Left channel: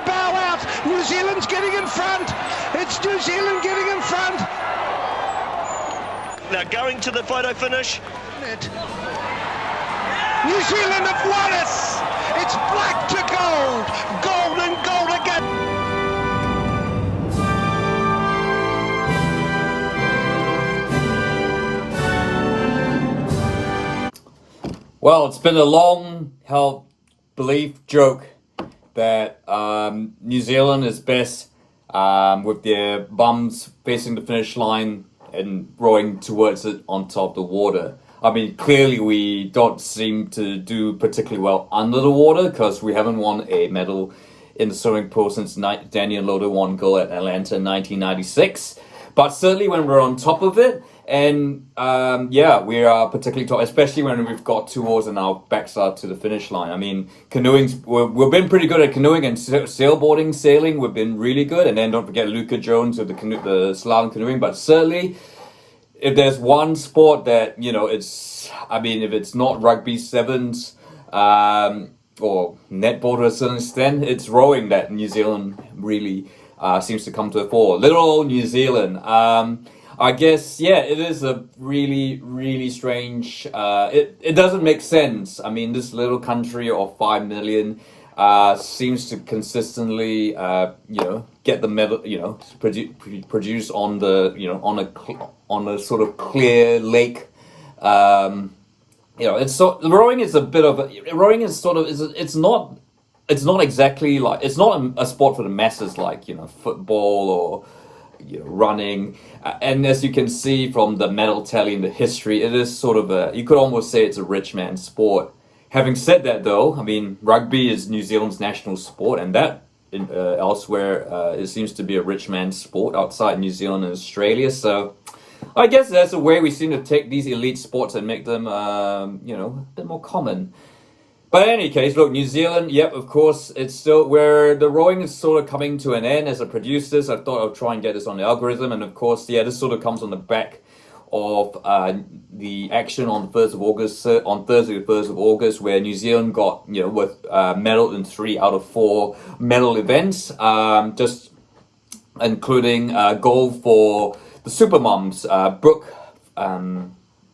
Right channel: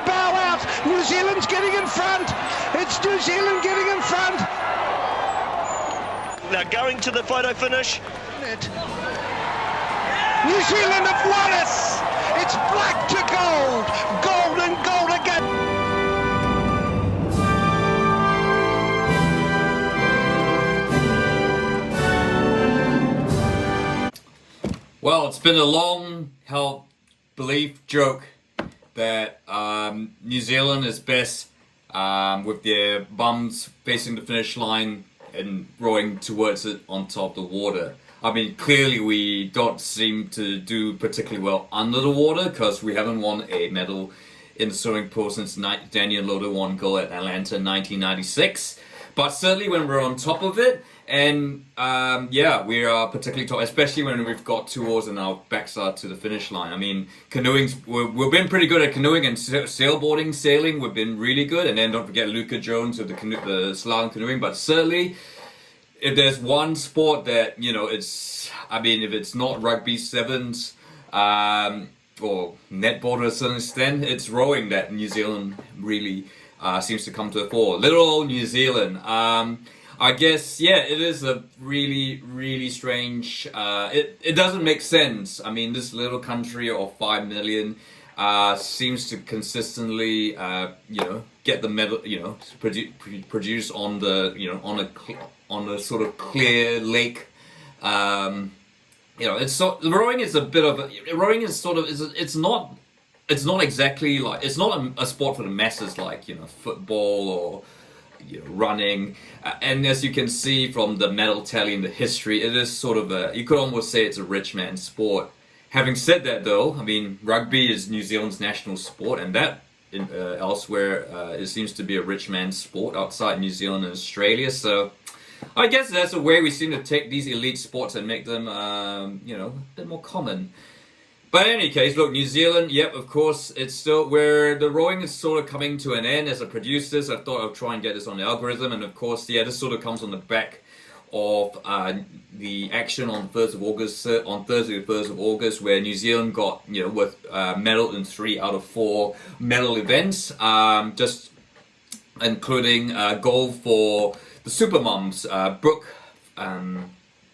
to bow out. New Zealand's getting in front. It's New Zealand getting in front. Now going to the photo finish. New Zealand have won it. It's black to gold. Gold and gold again. Well, it's been a long-held belief joke that New Zealand is best with their bums facing the finish line and rowing towards it on top of the water. I mean, clearly we don't seem to do particularly well under the water because we haven't won a medal in the swimming pool since Daniel Loader won gold at Atlanta in 1996. But certainly when we're on top of it, and we are particularly top, especially when we've got 2 oars in our backside to the finish line. I mean, we've been pretty good at canoeing and sailboarding, sailing. We've been really good, and then don't forget Luca Jones with the slalom canoeing. But certainly, if there's one sport that if it's not rugby sevens or netball to a certain extent, it's rowing that New Zealand really seems to come to the fore. Little old New Zealand. I guess, it is a really, really strange, it doesn't make sense. I mean, this little country of 5 million seems to consistently, get the medal, produce on the, on a sort of clear lake. Rowing is a bit of it's not exactly like, it's not a sport for the masses like, football or, running, and as you can see from the medal tally in the history, it is sort of you could almost say it's a rich man's sport. Having said that though, I mean, rugby is New Zealand's national sport, and that elsewhere it seems to be a rich man's sport outside New Zealand and Australia, so I guess that's a way we seem to take these elite sports and make them a bit more common. But in any case, look, New Zealand, yep, of course, it's still where the rowing is sort of coming to an end. As a producer, I thought I'd try and get this on the algorithm. And of course, this sort of comes on the back of the action on the 1st of August, on Thursday, the 1st of August, where New Zealand got, with medal in 3 out of 4 medal events, just including gold for the Supermoms,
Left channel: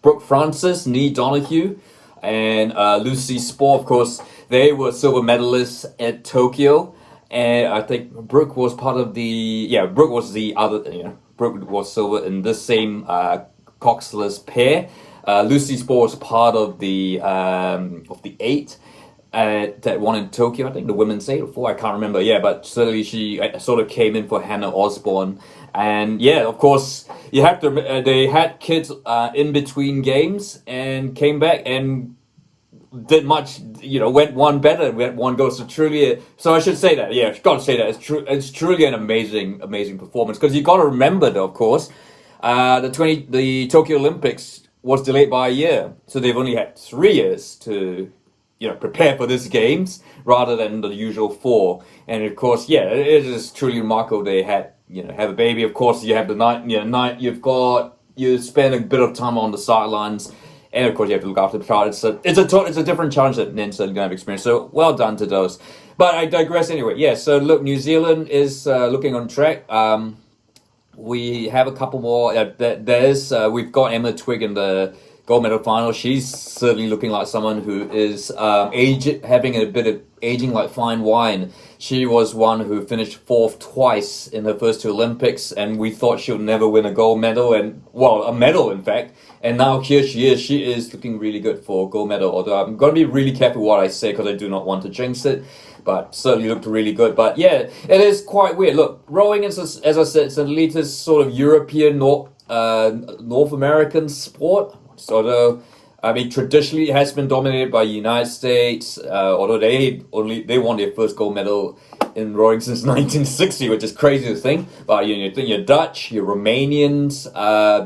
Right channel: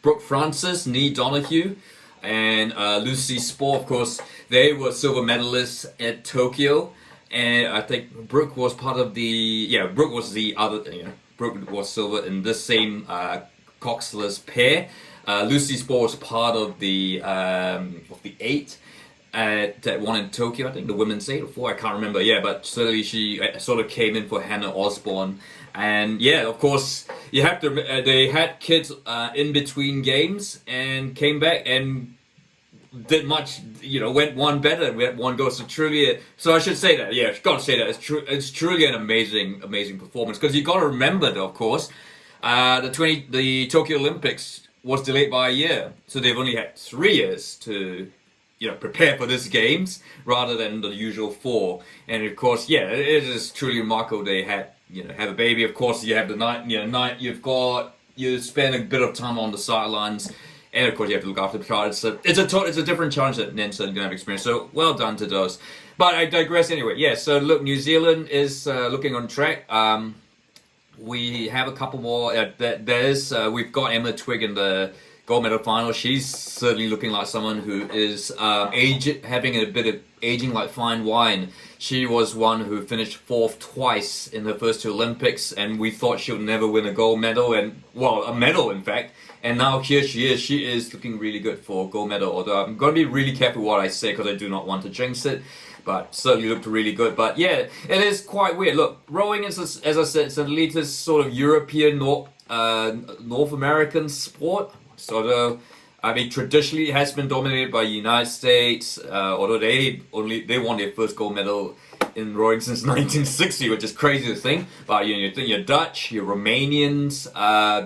Brooke Francis, Nee Donahue, and Lucy Spore. Of course, they were silver medalists at Tokyo, and I think Brooke was part of Brooke was the other, Brooke was silver in this same coxless pair. Lucy Spore was part of the 8 that won in Tokyo. I think the women's 8 or 4, I can't remember. Yeah, but certainly she sort of came in for Hannah Osborne. And of course, you have to. They had kids in between games and came back and did much. Went one better. Went one goes to truly. So I should say that. Yeah, got to say that it's truly an amazing performance. Because you got to remember, though, of course, the Tokyo Olympics was delayed by a year, so they've only had 3 years to prepare for these games rather than the usual 4. And of course, it is truly remarkable they had. Have a baby. Of course, you have the night. You spend a bit of time on the sidelines, and of course, you have to look after the child. It's a different challenge that Nan's going to have experienced. So well done to those. But I digress anyway. Yeah. So look, New Zealand is looking on track. We have a couple more. We've got Emma Twigg in the gold medal final. She's certainly looking like someone who is having a bit of aging like fine wine. She was one who finished 4th twice in her first 2 Olympics, and we thought she'll never win a gold medal, a medal in fact. And now here she is. She is looking really good for a gold medal, although I'm going to be really careful what I say because I do not want to jinx it. But certainly looked really good. But yeah, it is quite weird. Look, rowing is, as I said, it's an elitist sort of European, North American sport. So traditionally it has been dominated by the United States, although they won their first gold medal in rowing since 1960, which is crazy to think. But you think you're Dutch, you're Romanians,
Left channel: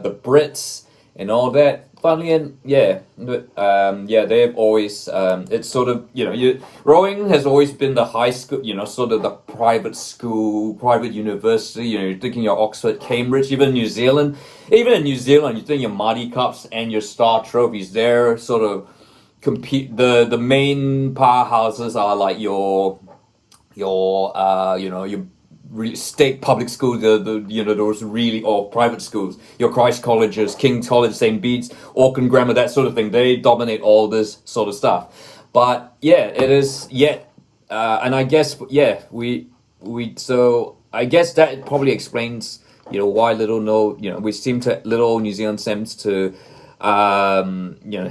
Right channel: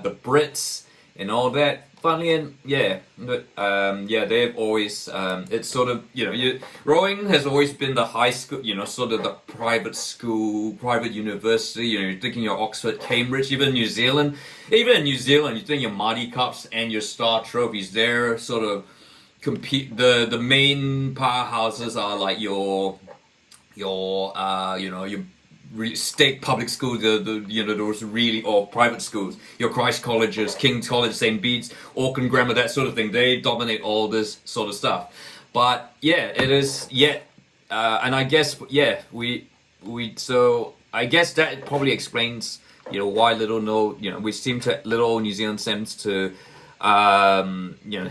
the Brits, and all that. Funnily, and they've always it's sort of rowing has always been the high school, sort of the private school, private university. You're thinking your Oxford, Cambridge, even in New Zealand, you think your Marty Cups and your Star Trophies. They're sort of compete. The main powerhouses are like your your your state public schools, those really, or private schools, your Christ colleges, King's College, St. Bede's, Auckland Grammar, that sort of thing. They dominate all this sort of stuff. But yeah, it is yet, and I guess so I guess that probably explains why we seem to little New Zealand seems to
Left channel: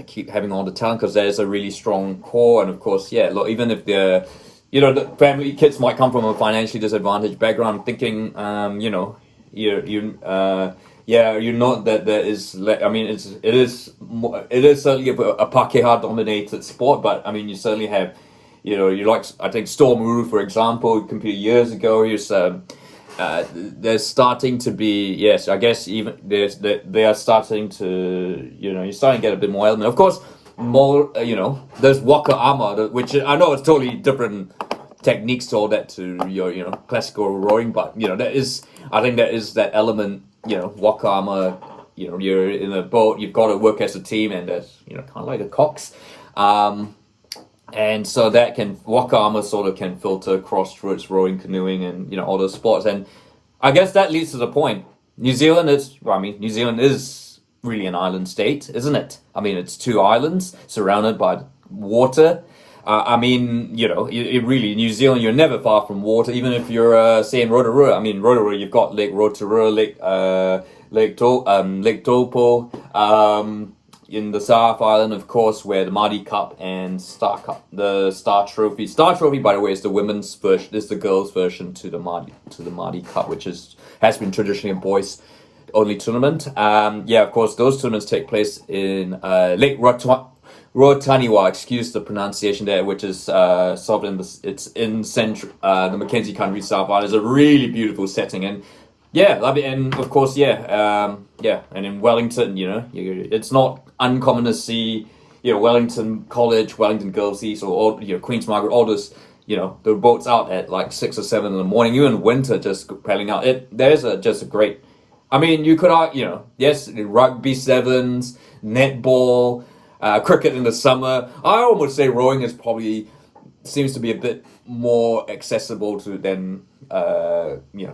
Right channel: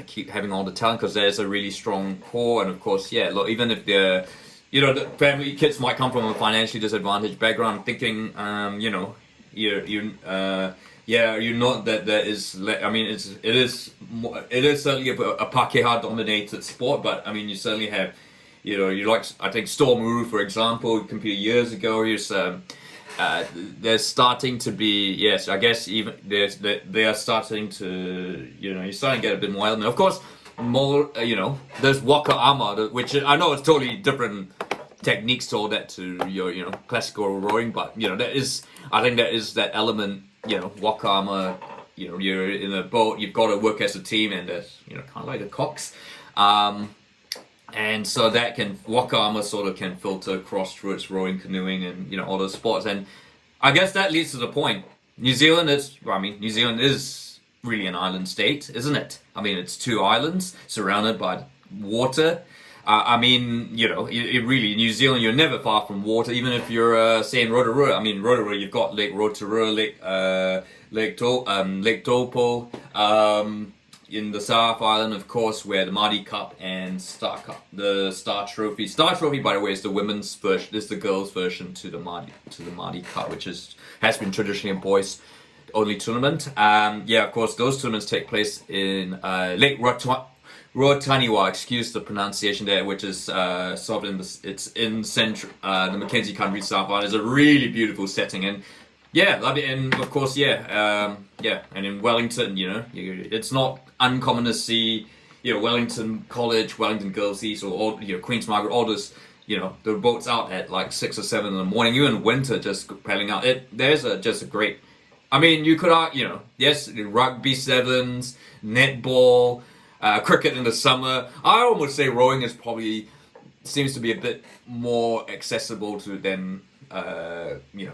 keep having all the talent, because there's a really strong core, and of course look, even if the family kids might come from a financially disadvantaged background, thinking you know that there is, I mean, it is certainly a Pakeha dominated sport, but I mean you certainly have you like, I think Storm Uru, for example, competed years ago. There's starting to be, yes, I guess even they are starting to, you're starting to get a bit more element. Of course, more, there's Waka Ama, which I know it's totally different techniques to all that, to your, classical rowing, but, I think that is that element, Waka Ama, you're in a boat, you've got to work as a team, and there's, kind of like a cox. And so that Waka Ama sort of can filter across through its rowing, canoeing, and all those sports. And I guess that leads to the point. New Zealand is really an island state, isn't it? I mean, it's 2 islands surrounded by water. I mean, it really, New Zealand, you're never far from water, even if you're, say, in Rotorua. I mean, Rotorua, you've got Lake Rotorua, Lake Taupo, in the South Island, of course, where the Māori Cup and the Star Trophy. Star Trophy, by the way, is the women's version, is the girls' version to the Māori Cup, which has been traditionally a boys' only tournament. Of course, those tournaments take place in Lake Rotaniwa, excuse the pronunciation there, which is sort of it's in central the Mackenzie Country South Island. It's a really beautiful setting, and and of course, and in Wellington, it's not uncommon to see, Wellington College, Wellington Girls East, or all, Queen's Margaret, all those, the boats out at like 6 or 7 in the morning, even winter, just paddling out. There's just a great, I mean, you could, yes, rugby sevens, netball, cricket in the summer. I almost say rowing seems to be a bit more accessible to than,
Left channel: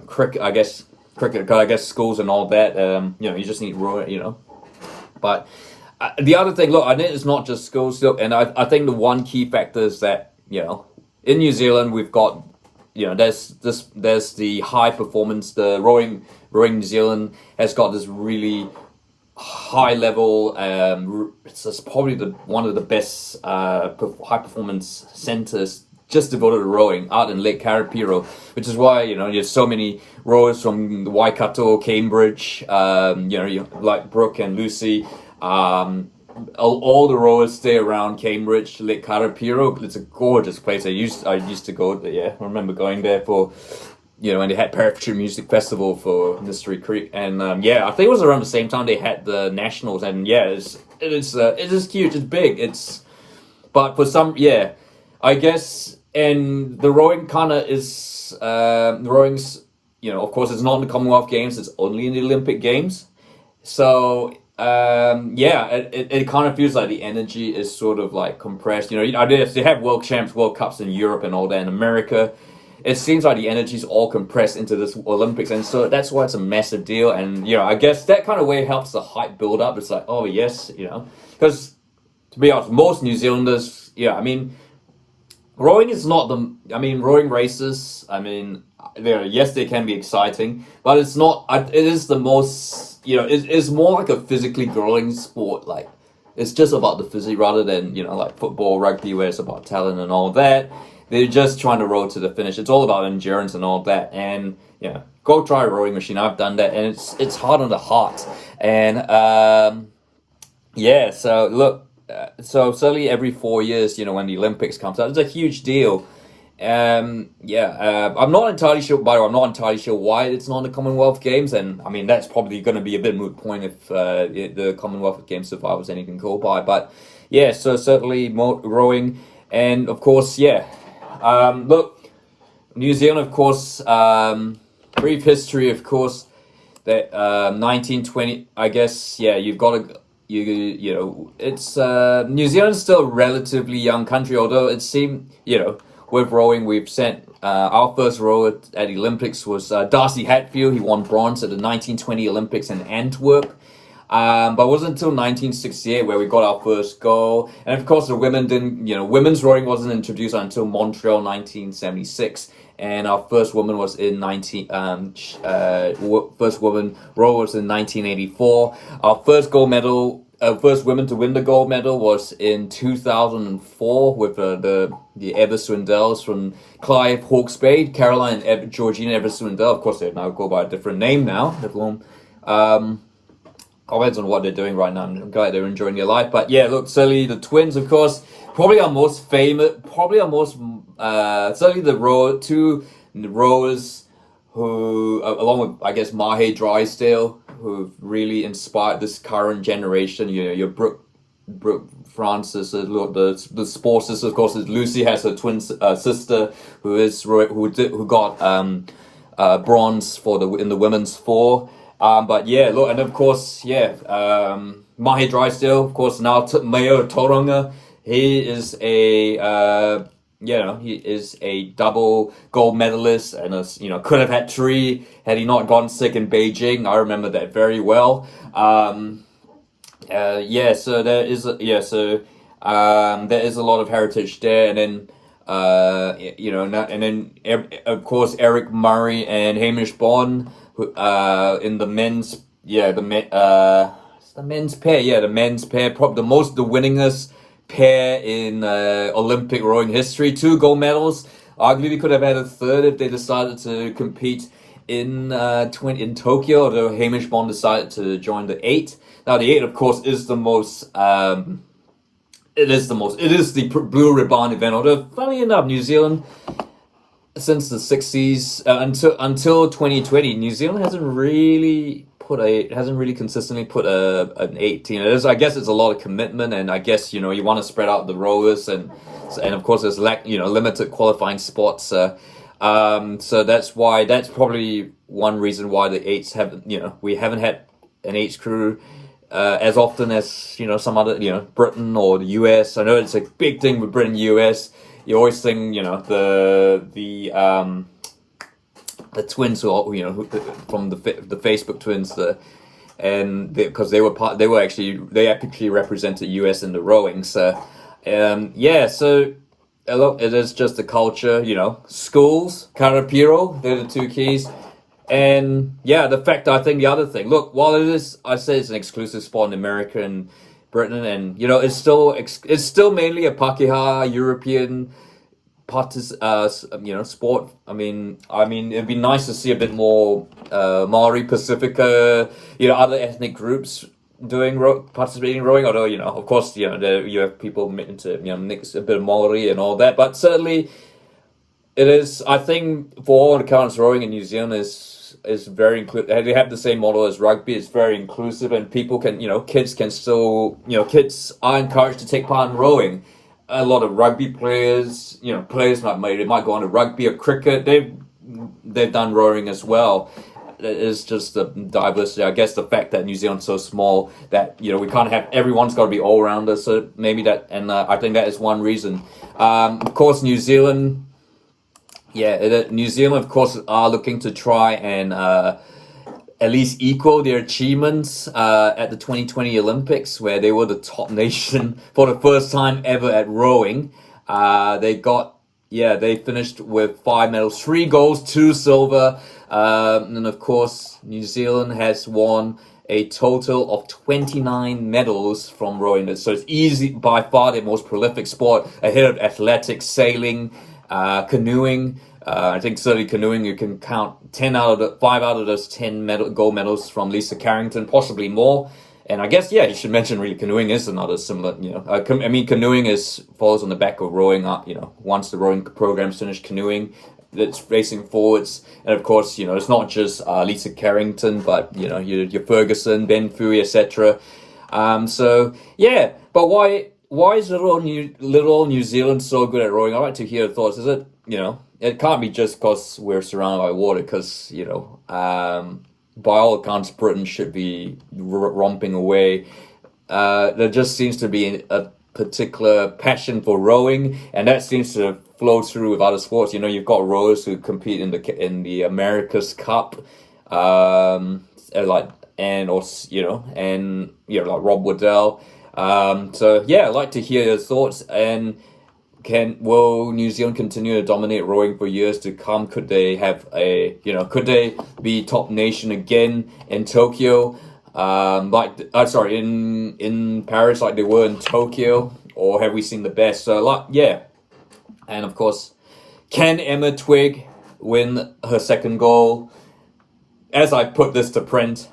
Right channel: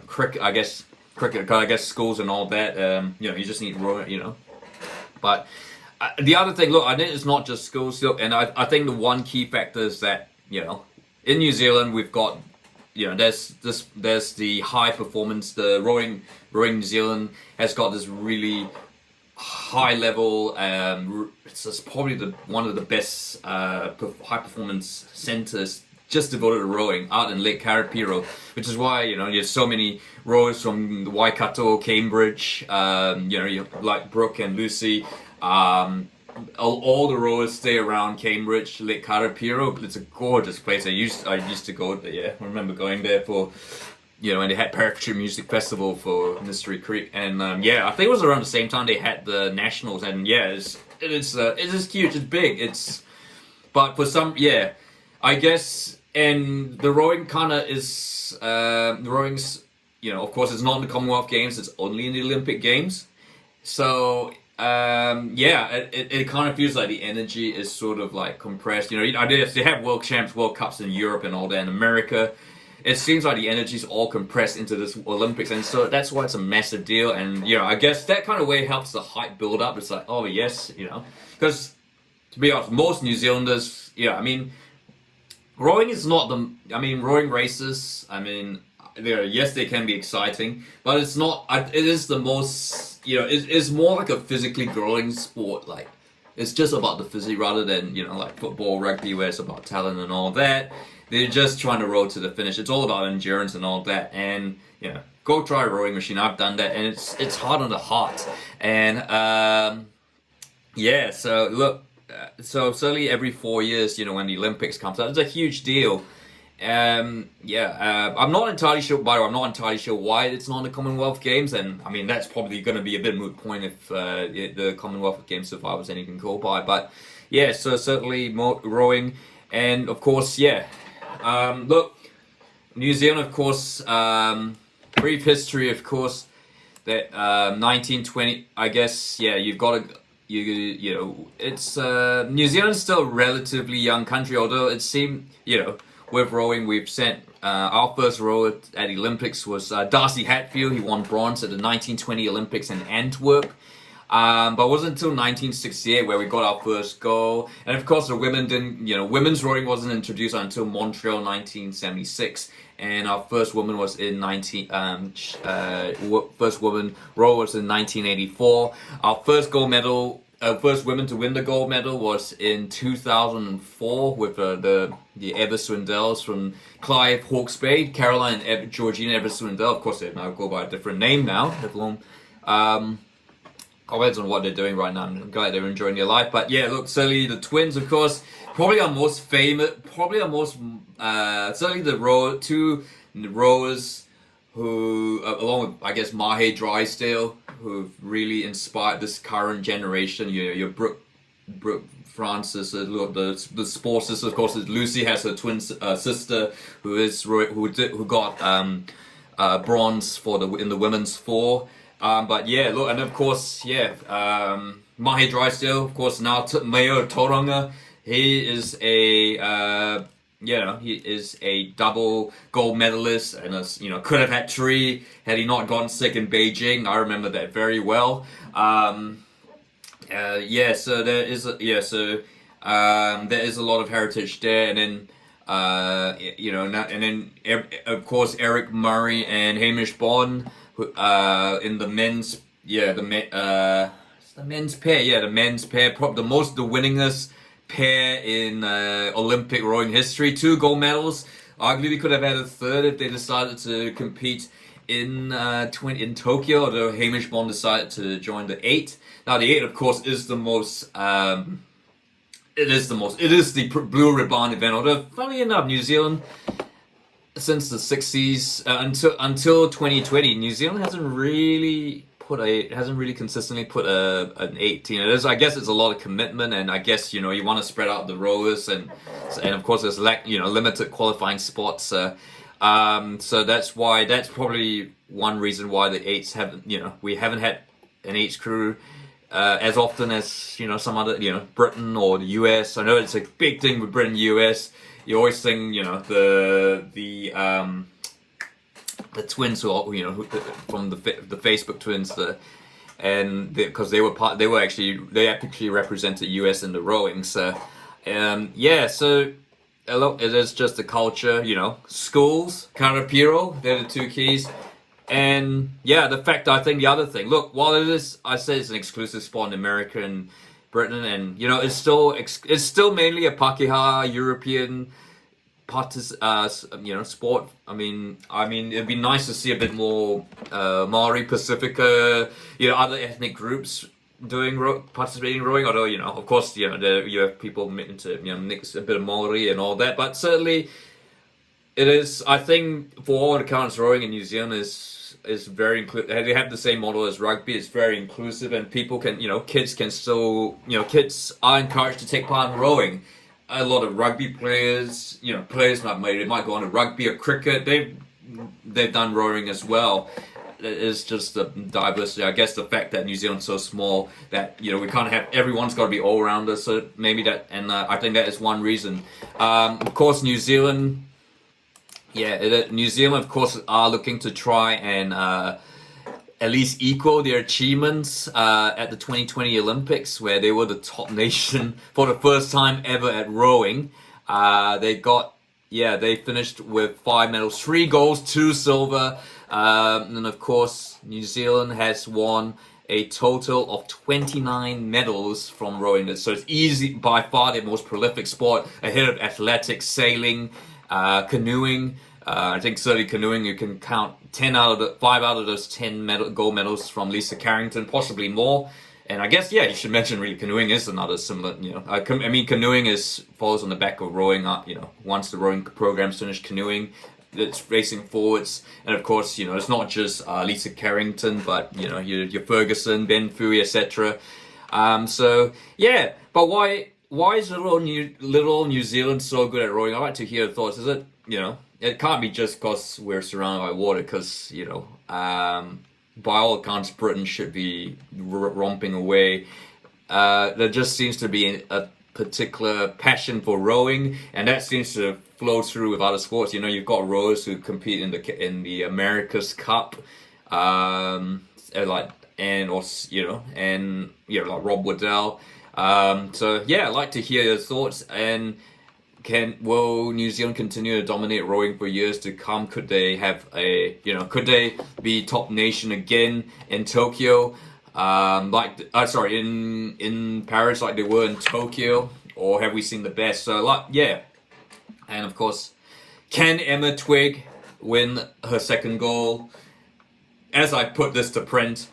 cricket, I guess. Cricket, I guess schools and all that, you just need rowing, But the other thing, look, I think it's not just schools, look, and I think the one key factor is that, in New Zealand we've got, there's the high performance, the rowing New Zealand has got this really high level, it's probably one of the best high performance centers just devoted to rowing out in Lake Karapiro, which is why you have so many rowers from Waikato, Cambridge, like Brooke and Lucy. All the rowers stay around Cambridge, Lake Karapiro. It's a gorgeous place. I used to go there. I remember going there for, when they had Parachute Music Festival for Mystery Creek, and I think it was around the same time they had the Nationals, and it is huge. It's big. But for some, I guess, and the rowing kind of is, rowing's, of course, it's not in the Commonwealth Games, it's only in the Olympic Games. So, it kind of feels like the energy is sort of like compressed. They have World Champs, World Cups in Europe and all that in America. It seems like the energy is all compressed into this Olympics, and so that's why it's a massive deal. And, I guess that kind of way helps the hype build up. It's like, oh, yes, because to be honest, most New Zealanders, rowing is not rowing races, they can be exciting, but it's not, it is the most, it's more like a physically grueling sport. Like, it's just about the physique rather than, like football, rugby, where it's about talent and all that. They're just trying to row to the finish. It's all about endurance and all that. And, go try a rowing machine. I've done that, and it's hard on the heart. And, so look, so certainly every 4 years, when the Olympics comes out, it's a huge deal. I'm not entirely sure. By the way, I'm not entirely sure why it's not in the Commonwealth Games, and that's probably going to be a bit moot point if the Commonwealth Games survivors anything go by. But so certainly more rowing, and of course, look, New Zealand, of course, brief history, of course, that 1920. I guess you've got to. It's New Zealand's still a relatively young country, although it seemed, with rowing, we've sent our first rower at the Olympics was Darcy Hatfield. He won bronze at the 1920 Olympics in Antwerp. But it wasn't until 1968 where we got our first goal. And of course, the women didn't, women's rowing wasn't introduced until Montreal 1976. And our first woman was in first woman row was in 1984. Our first gold medal, first women to win the gold medal was in 2004 with the Ever Swindells from Clive Hawke's Bay, Caroline and Georgina Ever Swindell. Of course, they now go by a different name now. Comments on what they're doing right now. I'm glad they're enjoying their life. But yeah, look, certainly the twins, of course, probably our most famous, certainly the two rowers who, along with, I guess, Mahe Drysdale, who've really inspired this current generation. Your Brooke Francis, the sports sister, of course, Lucy has her twin sister who got bronze in the women's four. But yeah, look, and of course, Mahe Drysdale, of course, now Mayo Tauranga, he is a double gold medalist, and could have had three had he not gotten sick in Beijing. I remember that very well. So there is there is a lot of heritage there, and then and then of course Eric Murray and Hamish Bond. In the men's, the men's pair, probably the winningest pair in Olympic rowing history. 2 gold medals. Arguably, we could have had a third if they decided to compete in Tokyo, although Hamish Bond decided to join the 8. Now, the 8, of course, is the most. It is the Blue Ribbon event. Although, funnily enough, New Zealand, since the 60s until 2020, New Zealand hasn't really consistently put an 18. I guess it's a lot of commitment, and I guess you want to spread out the rowers, and of course there's limited qualifying spots. So that's probably one reason why the 8s we haven't had an 8s crew as often as some other Britain or the US. I know it's a big thing with Britain, US. You always think, the twins who from the Facebook twins, because they actually represented US in the rowing. So, so it is just the culture, schools, Karapiro, they're the 2 keys. And the fact, I think the other thing, look, while I say it's an exclusive sport in America and Britain, and it's still mainly a Pakeha European sport. I mean it'd be nice to see a bit more Maori, Pacifica, other ethnic groups participating in rowing. Although of course you have people into mix a bit of Maori and all that, but certainly it is. I think for all accounts, rowing in New Zealand is very inclusive. They have the same model as rugby. It's very inclusive, and people can, kids can still, kids are encouraged to take part in rowing. A lot of rugby players, players might go on to rugby or cricket. They've done rowing as well. It is just the diversity. I guess the fact that New Zealand's so small that we can't have everyone's got to be all rounders. So maybe that, and I think that is one reason. Of course, New Zealand. New Zealand, of course, are looking to try and at least equal their achievements at the 2020 Olympics, where they were the top nation for the first time ever at rowing. They finished with 5 medals, 3 golds, 2 silver. And of course, New Zealand has won a total of 29 medals from rowing. So it's easy, by far the most prolific sport, ahead of athletics, sailing, canoeing. I think certainly canoeing, you can count 5 out of those 10 gold medals from Lisa Carrington, possibly more. And I guess, you should mention really canoeing is another similar, canoeing follows on the back of rowing up, once the rowing program's finished, canoeing, it's racing forwards. And of course, it's not just Lisa Carrington, but, your Ferguson, Ben Fui, etc. But why is little New Zealand so good at rowing? I'd like to hear your thoughts. Is it, it can't be just because we're surrounded by water, because, by all accounts, Britain should be romping away. There just seems to be particular passion for rowing, and that seems to flow through with other sports. You know, you've got rowers who compete in the America's Cup, like like Rob Waddell. So yeah, I'd like to hear your thoughts. And will New Zealand continue to dominate rowing for years to come? Could they have could they be top nation again in Tokyo? In Paris, like they were in Tokyo, or have we seen the best? So, and of course, can Emma Twigg win her second goal? As I put this to print,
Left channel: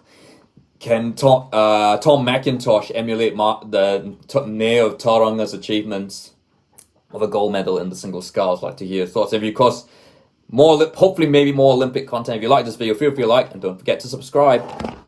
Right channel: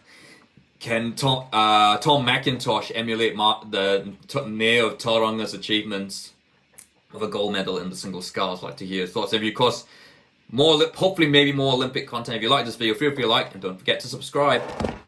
can Tom McIntosh emulate the mayor of Tauranga's achievements of a gold medal in the single sculls? I'd like to hear your thoughts. If you, of course, hopefully maybe more Olympic content. If you like this video, feel free to like, and don't forget to subscribe.